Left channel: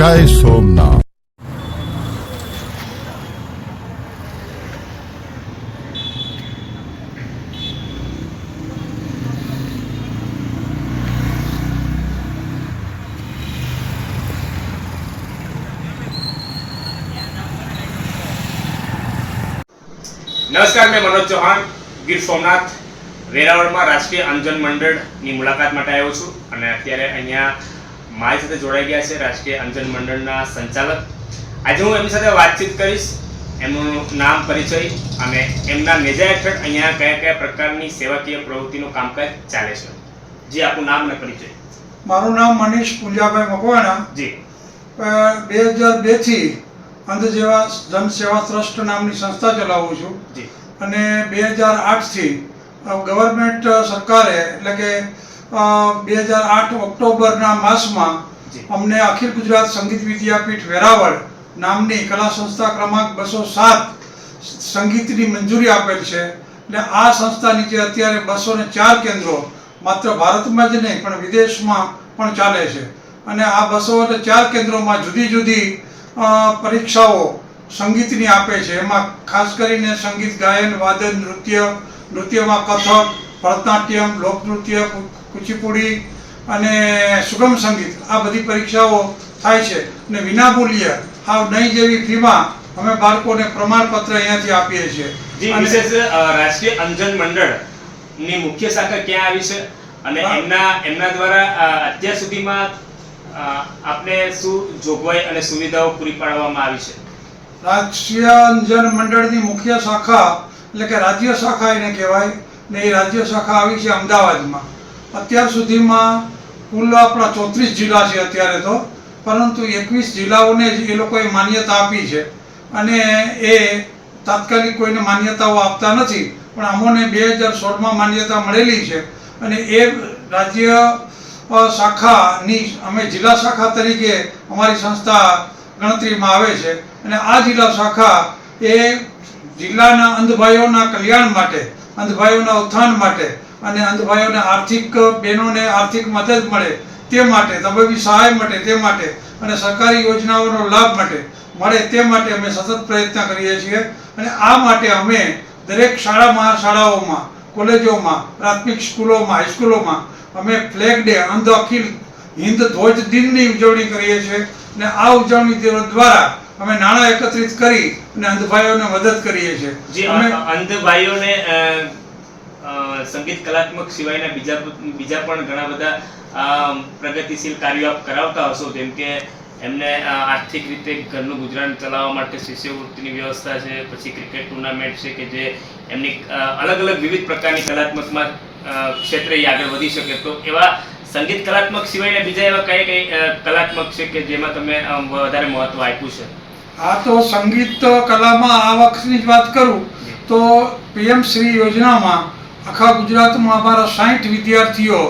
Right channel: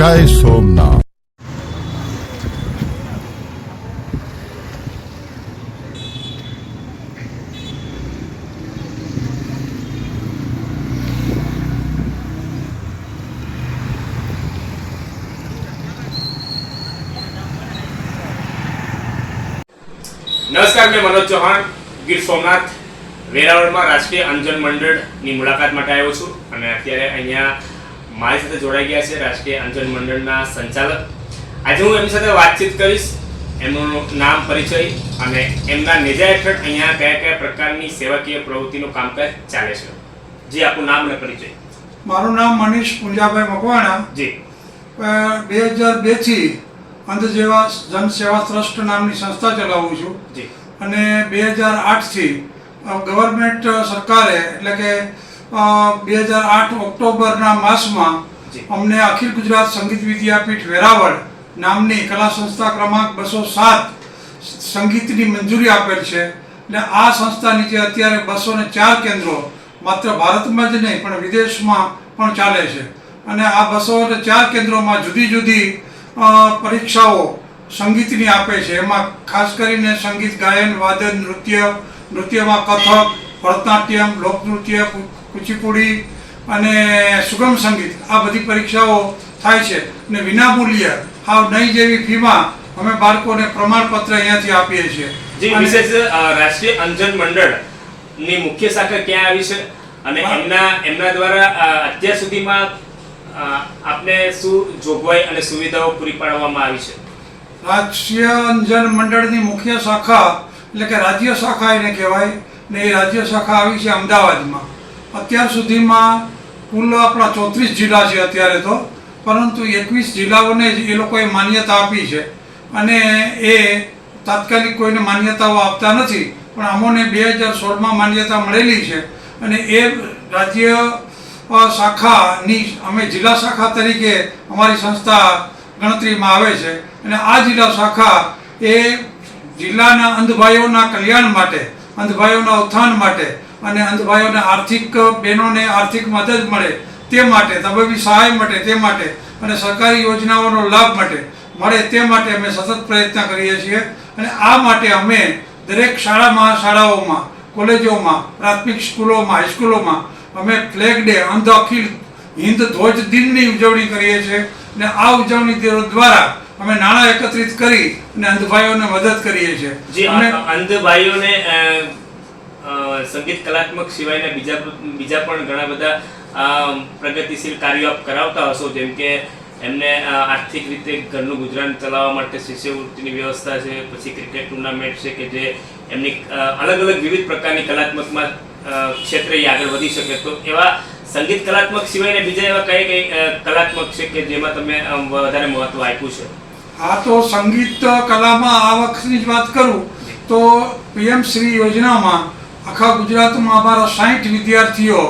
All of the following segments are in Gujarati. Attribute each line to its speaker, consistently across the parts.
Speaker 1: જય સોમનાથ.
Speaker 2: નમસ્કાર, મેં મનોજ ચૌહાણ, ગીર સોમનાથ, વેરાવળમાં રાષ્ટ્રીય અંજન મંડળની મુલાકાત માટે આવ્યો છું. અને અત્યારે અહીંયા મારી સાથે જોડાઈ ગયા છે રાષ્ટ્રીય અંજન મંડળના સંચાલક. આજે હું એમની સાથે વાતચીત કરીશ. એમનું નામ પરિચય અને એમના નેજા હેઠળ અહીંયા કયા કયા પ્રકારની સેવાકીય પ્રવૃત્તિનું કામકાજ ચાલે છે. જી આપનું નામ અને પરિચય.
Speaker 3: મારું નામ મનીષ પુંજાભાઈ મકવાણા.
Speaker 2: જી.
Speaker 3: બે હજાર બેથી અંધ જેવા જનસેવા ટ્રસ્ટ નામની સંસ્થા ચલાવું છું.
Speaker 2: જી.
Speaker 3: અને બે હજાર આઠથી ગવર્મેન્ટ સરકારે એટલે કે બે હજાર આઠ ઓક્ટોબરના માસમાં અમને અખિલ ગુજરાત સંગીત વિદ્યાપીઠ વેરાવળ નામની કલા સંસ્થા ક્રમાંક બસો સાત સંગીતની મંજૂરી આપેલ છે. એટલે આ સંસ્થા નીચે અત્યારે બસો ને ચાર કેન્દ્રો માત્ર ભારતમાં જ નહીં પણ વિદેશમાં પણ ચાલે છે. અને આ બસો ને ચાર કેન્દ્રોમાં જુદી જુદી પરીક્ષાઓ સંગીતની આપે છે. એમાં ખાસ કરીને સંગીત ગાયન વાદન નૃત્ય નૃત્યમાં કથક ભરતનાટ્યમ લોકનૃત્ય કુચીપુડી અને સુગમ સંગીત આ બધી પરીક્ષાઓ થાય છે. અને વિના મૂલ્ય આ નહીં જેવી ફીમાં અમે બાળકોને પ્રમાણપત્ર અહીંયાથી આપીએ છીએ.
Speaker 2: જી વિશેષ રાષ્ટ્રીય અંજન મંડળની મુખ્ય શાખા ક્યાં આવી છે? અને એમના એમના દ્વારા અત્યાર સુધીમાં આપને શું જોગવાઈ અને સુવિધાઓ પૂરી પાડવામાં આવી છે?
Speaker 3: રાષ્ટ્રીય અંજન મંડળની મુખ્ય શાખા એટલે કે રાજ્ય શાખા એને કહેવાય. ને એ રાજ્ય શાખા આવી છે અમદાવાદમાં. અત્યાર સુધીમાં કુલ આપણા ચોત્રીસ જિલ્લા છે અત્યારે તો, પરંતુ એકવીસ જિલ્લાઓને જ એ લોકોએ માન્યતા આપી છે. અને એ તાત્કાલિક કોઈને માન્યતાઓ આપતા નથી, પણ અમોને બે હજાર સોળમાં માન્યતા મળેલી છે. અને એ રાજ્ય શાખાની, અમે જિલ્લા શાખા તરીકે અમારી સંસ્થા ગણતરીમાં આવે છે. અને આ જિલ્લા શાખા એ જિલ્લાના અંધભાઈઓના કલ્યાણ માટે, અંધભાઈઓના ઉત્થાન માટે અને અંધભાઈઓને આર્થિક બહેનોને આર્થિક મદદ મળે તે માટે તબીબી સહાય માટે તે માટે અને સરકારી યોજનાઓનો લાભ માટે મળે તે માટે અમે સતત પ્રયત્ન કરીએ છીએ. અને આ માટે અમે દરેક શાળા મહાશાળાઓમાં કોલેજોમાં પ્રાથમિક સ્કૂલોમાં હાઈસ્કૂલોમાં અમે ફ્લેગ ડે અંધ અખિલ હિન્દ ધ્વજ દિનની ઉજવણી કરીએ છીએ. અને આ ઉજવણી દ્વારા અમે નાણાં એકત્રિત કરી અને અંધભાઈઓને મદદ કરીએ છીએ.
Speaker 2: જી સંગીત કલાત્મક સિવાયના બીજા બીજા પણ ઘણા બધા પ્રગતિશીલ કાર્યો આપ કરાવતા હશો, જેમ કે એમને આર્થિક રીતે ઘરનું ગુજરાન ચલાવવા માટે શિષ્યવૃત્તિની વ્યવસ્થા છે, પછી ક્રિકેટ ટુર્નામેન્ટ છે કે જે એમની અલગ અલગ વિવિધ પ્રકારની કલાત્મકમાં ક્ષેત્રે આગળ વધી શકે. તો એવા સંગીત કલાત્મક સિવાયના બીજા એવા કઈ કઈ કલાત્મક છે કે જેમાં તમે વધારે મહત્વ આપ્યું છે?
Speaker 3: આ તો સંગીત કલામાં આ વખતની જ વાત કરું, તો પીએમ શ્રી યોજનામાં આખા ગુજરાતમાં અમારા સાઠ વિદ્યાર્થીઓ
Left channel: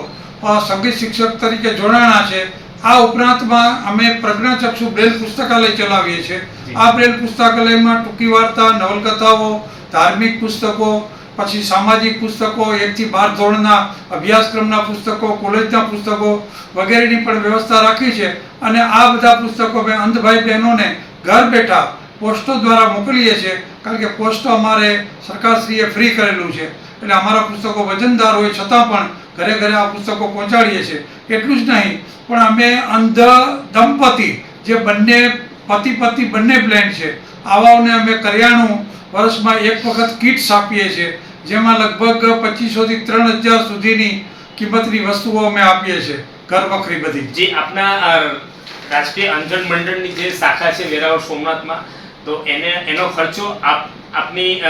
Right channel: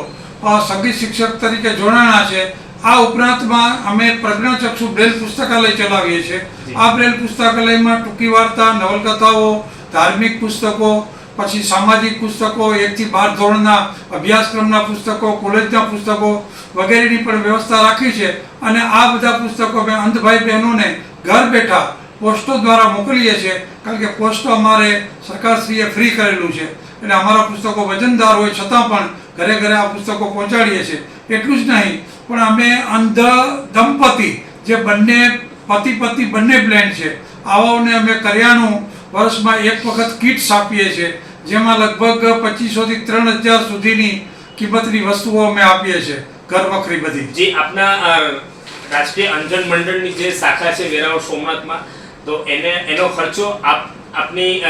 Speaker 3: સંગીત શિક્ષક તરીકે જોડાણા છે. આ ઉપરાંતમાં અમે પ્રજ્ઞાચક્ષુ બ્રેલ પુસ્તકાલય ચલાવીએ છીએ. આ બ્રેલ પુસ્તકાલયમાં ટૂંકી વાર્તા નવલકથાઓ ધાર્મિક પુસ્તકો પછી સામાજિક પુસ્તકો એકથી બાર ધોરણના અભ્યાસક્રમના પુસ્તકો કોલેજના પુસ્તકો વગેરેની પણ વ્યવસ્થા રાખી છે. અને આ બધા પુસ્તકો અમે અંધભાઈ બહેનોને ઘર બેઠા પોસ્ટો દ્વારા મોકલીએ છીએ. કારણ કે પોસ્ટો અમારે સરકારશ્રીએ ફ્રી કરેલું છે. એટલે અમારા પુસ્તકો વજનદાર હોય છતાં પણ ઘરે ઘરે આ પુસ્તકો પહોંચાડીએ છીએ. એટલું જ નહીં, પણ અમે અંધ દંપતી જે બંને પતિ પતિ બંને બ્લેન્ડ છે, આવાઓને અમે કરિયાણું વર્ષમાં એક વખત કિટ્સ આપીએ છીએ, જેમાં લગભગ પચીસોથી ત્રણ હજાર સુધીની કિંમતની વસ્તુઓ અમે આપીએ છીએ, ઘર વખરી બધી.
Speaker 2: જે આપના રાષ્ટ્રીય અંધન મંડળની જે શાખા છે વેરાવળ સોમનાથમાં, તો એને, એનો ખર્ચો આપ આપની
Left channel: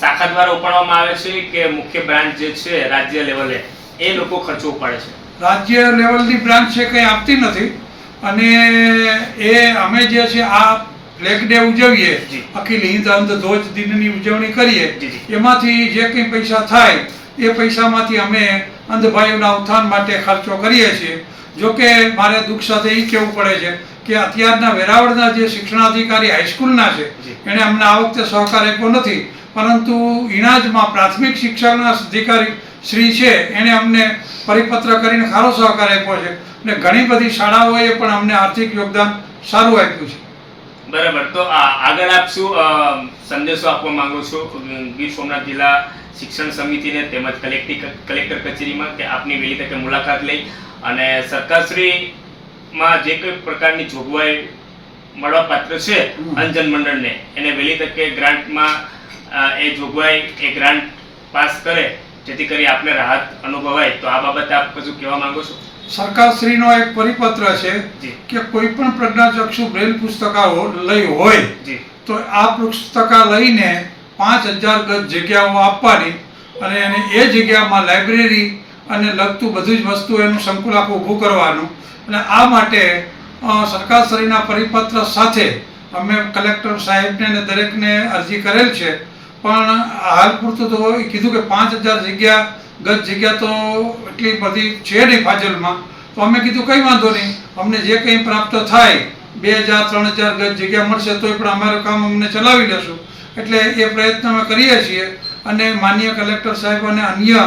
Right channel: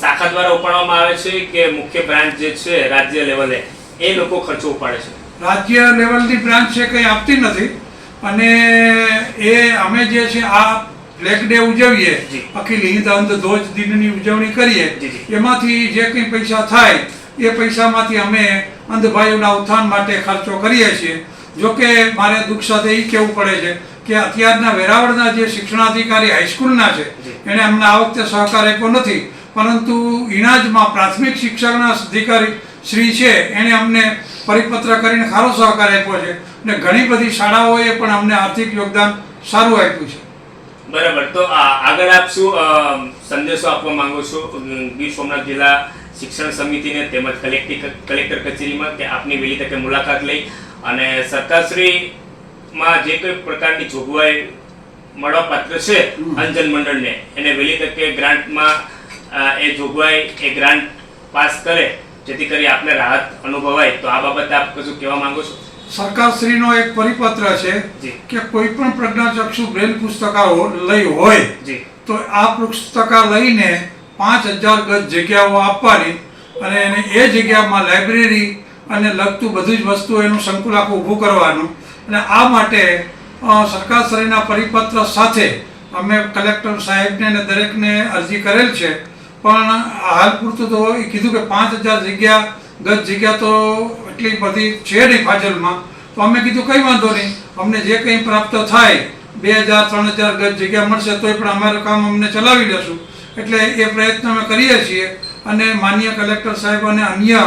Speaker 2: શાખા દ્વારા ઉપાડવામાં આવે છે કે મુખ્ય બ્રાન્ચ જે છે રાજ્ય લેવલે એ લોકો ખર્ચો ઉપાડે છે
Speaker 3: રાજ્ય લેવલની બ્રાન્ચ છે કંઈ આપતી નથી અને એ અમે જે છે આ ફ્લેગ ડે ઉજવીએ. અખિલ હિન્દ અંધ ધ્વજ દિનની ઉજવણી કરીએ. એમાંથી જે કંઈ પૈસા થાય એ પૈસામાંથી અમે અંધભાઈઓના ઉત્થાન માટે ખર્ચો કરીએ છીએ જોકે મારે દુઃખ સાથે એ કહેવું પડે છે કે અત્યારના વેરાવળના જે શિક્ષણાધિકારી હાઈસ્કૂલના છે. એણે અમને આ વખતે સહકાર આપ્યો નથી. પરંતુ ઇનાજમાં પ્રાથમિક શિક્ષણના અધિકારી શ્રી છે એણે અમને પરિપત્ર કરીને સારો સહકાર આપ્યો છે. અને ઘણી બધી શાળાઓએ પણ અમને આર્થિક યોગદાન સારું આપ્યું છે.
Speaker 2: બરાબર. તો આ- આગળ આપ શું સંદેશો આપવા માંગો છો? ગીર સોમનાથ જિલ્લા શિક્ષણ સમિતિને તેમજ કલેક્ટર કચેરીમાં કે આપની વહેલી તકે મુલાકાત લઈ અને સરકારશ્રીમાં જે કોઈ પ્રકારની જોગવાઈ મળવાપાત્ર છે. અંજન મંડળને એને વહેલી તકે ગ્રાન્ટમાં એ જોગવાઈ એ ગ્રાન્ટ પાસ કરે જેથી કરી આપને રાહત અનુભવાય. તો આ બાબતે આપ કશું કહેવા માંગો છો?
Speaker 3: સરકારશ્રીનો એક પરિપત્ર છે કે કોઈ પણ પ્રજ્ઞાચક્ષુ બ્રેલ પુસ્તકાઓ લઈ હોય તો આ પુસ્તકા લઈને પાંચ હજાર ગજ જગ્યાઓ આપવાની અને એને એ જગ્યામાં લાઇબ્રેરી અને લગતું બધી જ વસ્તુ એનું સંકુલ આખું ઊભું કરવાનું. અને આ માટે સરકારશ્રીના પરિપત્ર સાથે અમે કલેક્ટર સાહેબને અને દરેકને અરજી કરેલ છે. પણ હાલ પૂરતું તો એ કીધું કે પાંચ હજાર જગ્યા, ગત જગ્યા તો એટલી બધી છે નહીં ફાજલમાં. તો અમે કીધું કંઈ વાંધો નહીં. અમને જે કંઈ પ્રાપ્ત થાય, બે હજાર, ત્રણ હજાર ગજ જગ્યા મળશે તોય પણ અમારું કામ અમને ચલાવી લેશું. એટલે એ પ્રયત્ન અમે કરીએ છીએ અને માનનીય કલેક્ટર સાહેબ અને અન્ય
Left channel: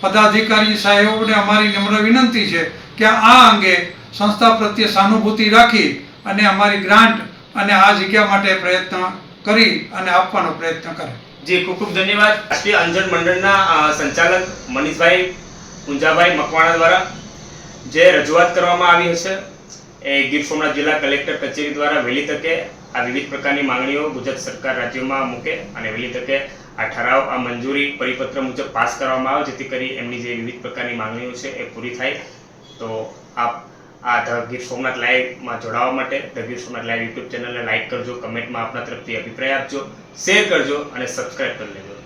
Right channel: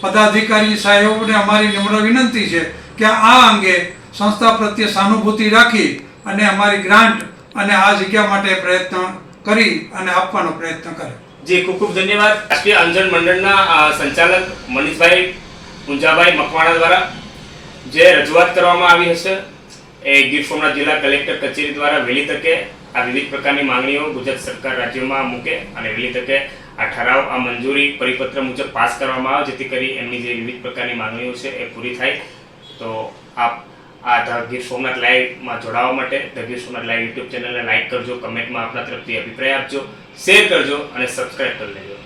Speaker 3: પદાધિકારી સાહેબોને અમારી નિમણ વિનંતી છે કે આ અંગે સંસ્થા પ્રત્યે સહાનુભૂતિ રાખી અને અમારી ગ્રાન્ટ અને આ જગ્યા માટે પ્રયત્ન કરી અને આપવાનો પ્રયત્ન કરે.
Speaker 2: જી, ખૂબ ખૂબ ધન્યવાદ. રાષ્ટ્રીય અંજન મંડળના સંચાલક મનીષભાઈ પૂંજાભાઈ મકવાણા દ્વારા જે રજૂઆત કરવામાં આવી હશે, એ ગીર સોમનાથ જિલ્લા કલેક્ટર કચેરી દ્વારા વહેલી તકે આ વિવિધ પ્રકારની માંગણીઓ ગુજરાત સરકાર રાજ્યમાં મૂકે અને વહેલી તકે આ ઠરાવ, આ મંજૂરી પરિપત્ર મુજબ પાસ કરવામાં આવે, જેથી કરી એમની જે વિવિધ પ્રકારની માંગણીઓ છે એ પૂરી થાય. તો આપ આ ધ ગીર સોમનાથ લાઈવમાં જોડાવા માટે. The Gir Somnath live YouTube ચેનલને લાઈક કરજો, કમેન્ટમાં આપના તરફથી અભિપ્રાય આપજો, શેર કરજો અને સબસ્ક્રાઈબ કરી લેજો.